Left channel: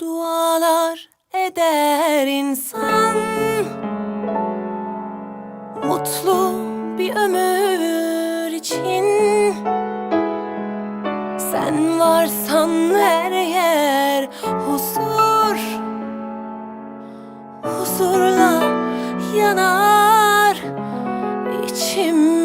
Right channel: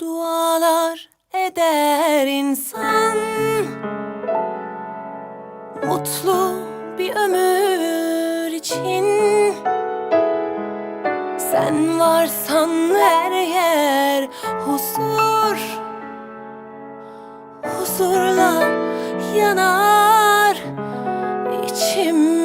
Dualar eder insan, mutlu bir ömür için. Sen varsan her yer huzur, huzurla yanar içim.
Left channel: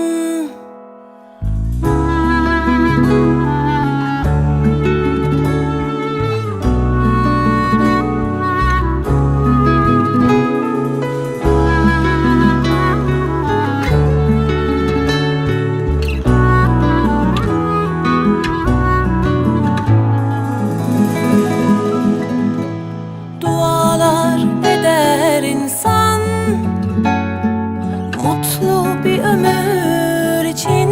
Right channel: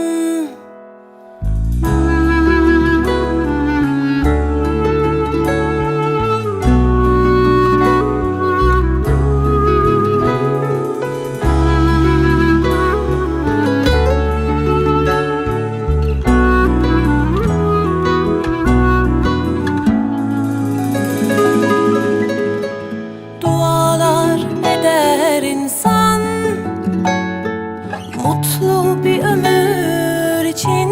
Dualar eder insan, mutlu bir ömür için.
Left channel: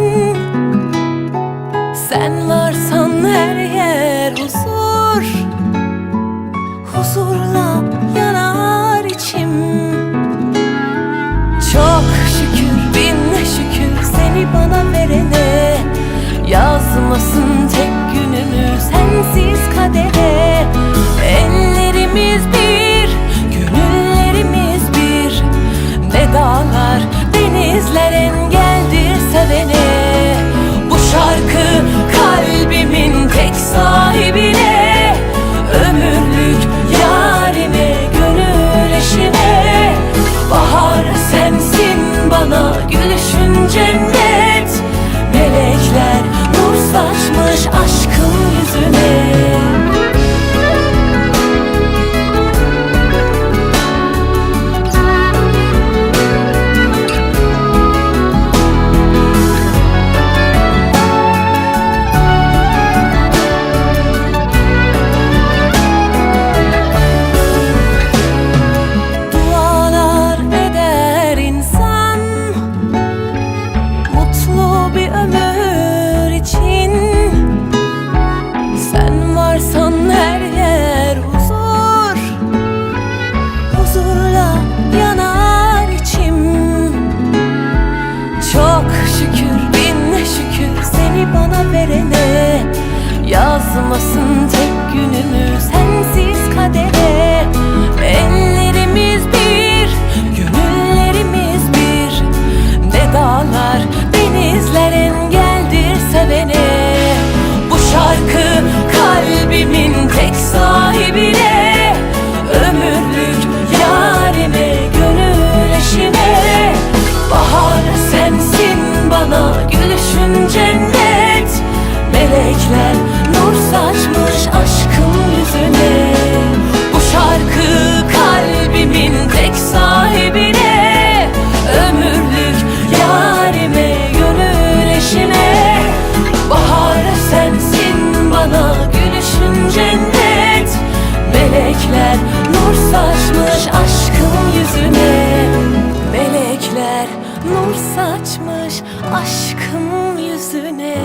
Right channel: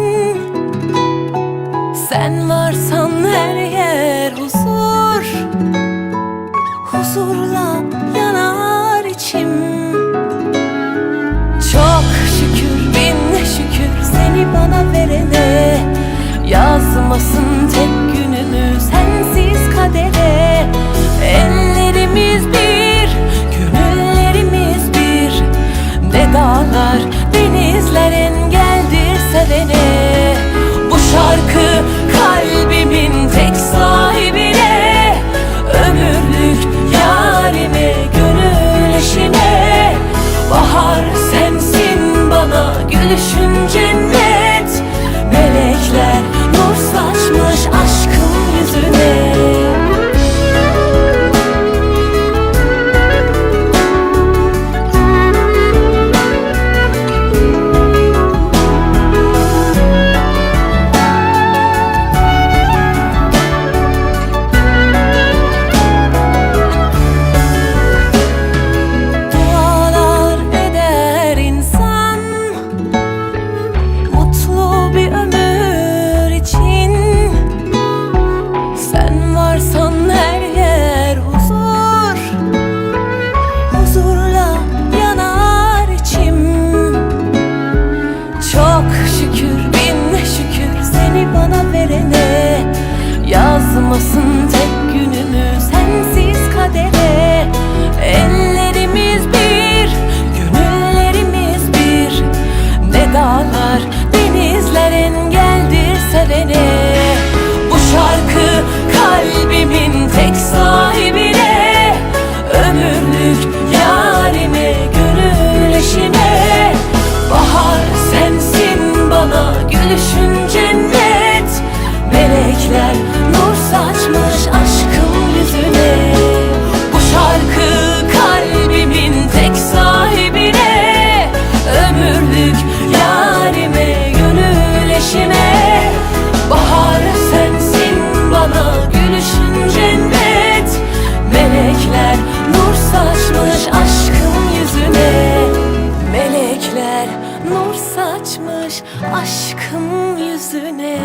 Sen varsan her yer huzur, huzurla yanar içim. Çok şükür, bin şükür seni bana verene. Yazmasın tek günümü sensiz kadere. Ellerimiz bir, gönüllerimiz bir. Ne dağlar, denizler engeldir sevene. Bu şarkı kalbimin tek sahibine. Ömürlük yarime, gönül eşime. Bahar sensin bana, gülüşün cennet. Melekler nur saçmış aşkım yüzüne. Varsan her yer huzur, huzurla yanar içim. Çok şükür, bin şükür seni bana verene. Yazmasın tek günümü sensiz kadere. Ellerimiz bir, gönüllerimiz bir. Ne dağlar, denizler engeldir sevene. Bu şarkı kalbimin tek sahibine. Ömürlük yarime, gönül eşime. Bahar sensin bana, gülüşün cennet. Melekler nur saçmış aşkım yüzüne. Bu şarkı kalbimin tek sahibine. Ömürlük yarime, gönül eşime. Bahar sensin bana, gülüşün cennet. Melekler nur saçmış aşkım yüzüne. Melekler nur saçmış aşkım yüzüne.